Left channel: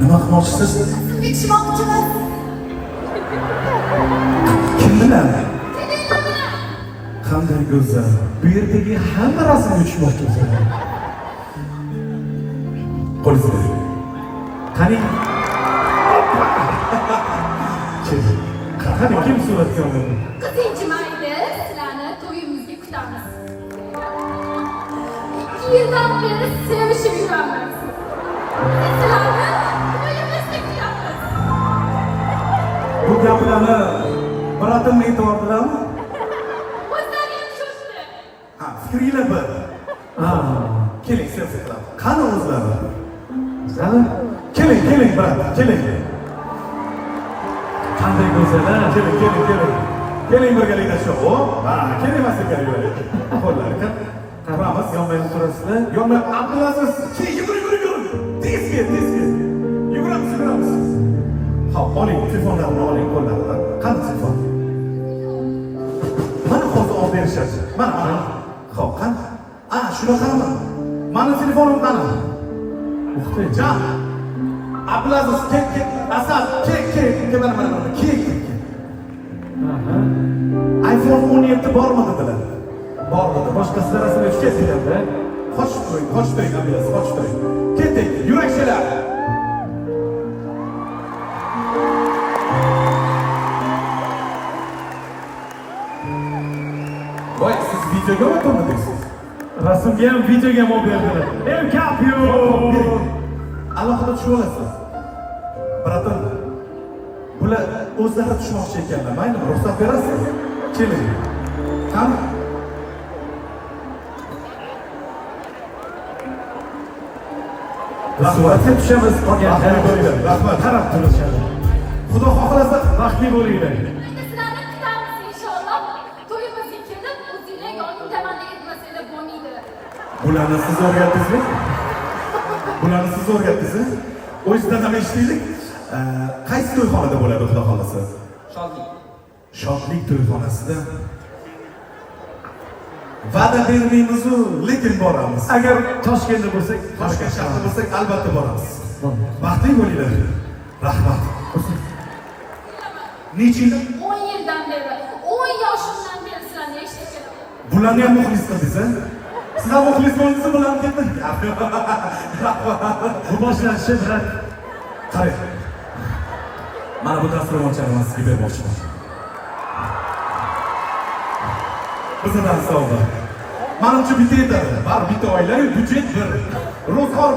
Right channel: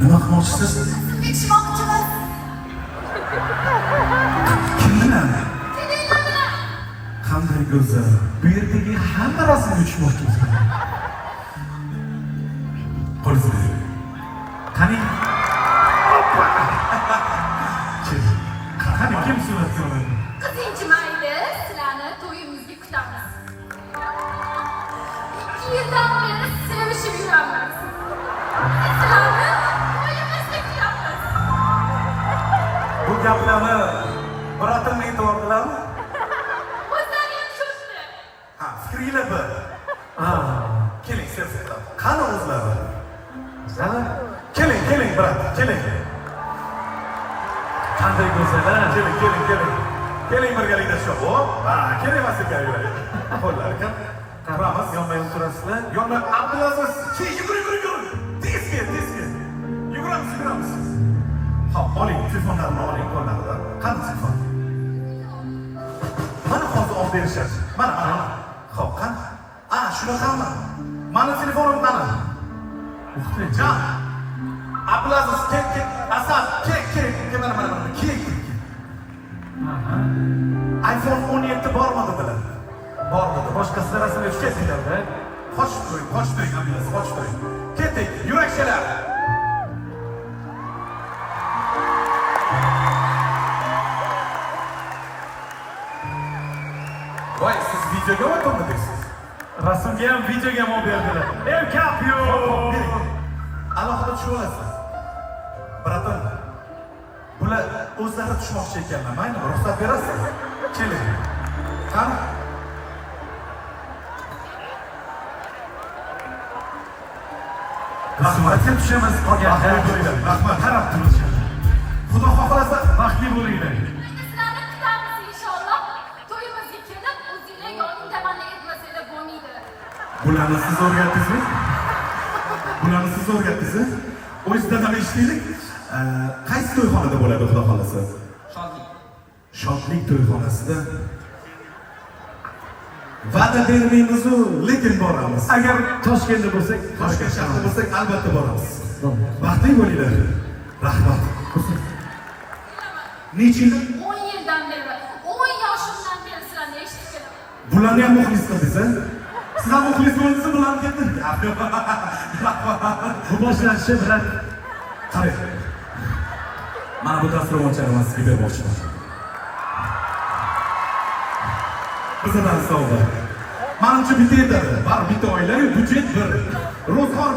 Nima qilmoqchisiz? Tekshirmoqchimiz. Kim bilan? Qanday go'zal. Bu yerdagi hamma rasmga tushmoqchimiz. Qo'lingizni bering. Qani? Qani kim suratga oladi? Qizinchi mayli, sizlarni to'yimizga kutamiz. 2 yildan beri sevishib yuramiz. Sizlarni to'yimizga kutamiz. Bu gaplarni biratimni aytib O'zlari ham shoshdi. ha, fikringlar bir. Keling, siyosatlar. Qani o'zlari? O'zlari? Keling, brat, keling. Qanday go'zal, keling. Keling birgalikda shu. Keling emas ekan. Qo'llar aka. Qaramiz, yonma-yon turasizlar. Yonma Abdulaziz, yur. Tezga. Yuguramiz. Hop, oling, telefonlarni oling qo'llardan. Qani telefon? Mana hozir olib berishadi. Mana. Hop, qani? Shunaqami? Mani telefonim qani? Muhtojjon. Abdulaziz, ket. Asad, ket. iPhone 17 bormi dedilar? Bormidi. Boshqasidan rasmga tushib ketdinglar-da. Qochib turing, Abdulaziz, qochib turing. Ketdik, yurakchalar. Voy, siz videoga o'tirmadingiz? Rasmga ham, videoga ham olib berdilar. Gap yo'q. Alohida tushib olasiz. Braton, bular o'zlari tushmoqchi ekanlar. Mayli, ruxsat berasiz? Keling. Qani? Rahmat, tushamiz. Rahmat, qarab turishadi. Xudo xohlasa, baxtli bo'linglar. Sizlarni kutamiz inshaalloh. To'yimizga kelib, o'zinglar yonimda tamanni etmasanglar bo'lmaydi. Bularni siz o'rgatdingiz? O'zingizdan ham eshitdik. Qaysi to'yxonada bo'ladi, xudo xohlasa? Shodlik to'yxonasida. Va'da bermaymiz-ku, lekin boramiz. Agar Toshkentda bo'lsak, Toshkent shahrida bo'lsak, albatta boramiz. Baxtli bo'linglar. Rahmat. Necha yil? 10 yildan beri, 10 yoshimdan beri sizlarni eshitib kelaman. Bularni ham muxlis qildingiz-a? Siz ham muxlis bo'ldingiz, bularni ketdi. Bu boshlanishi bilan qarang. Mana bu dasturxonchani sizga bermoqchiman. Bizdan sovg'a. Manimcha bitta yetadi. Bitta oila, budjet bir. Ro'zg'or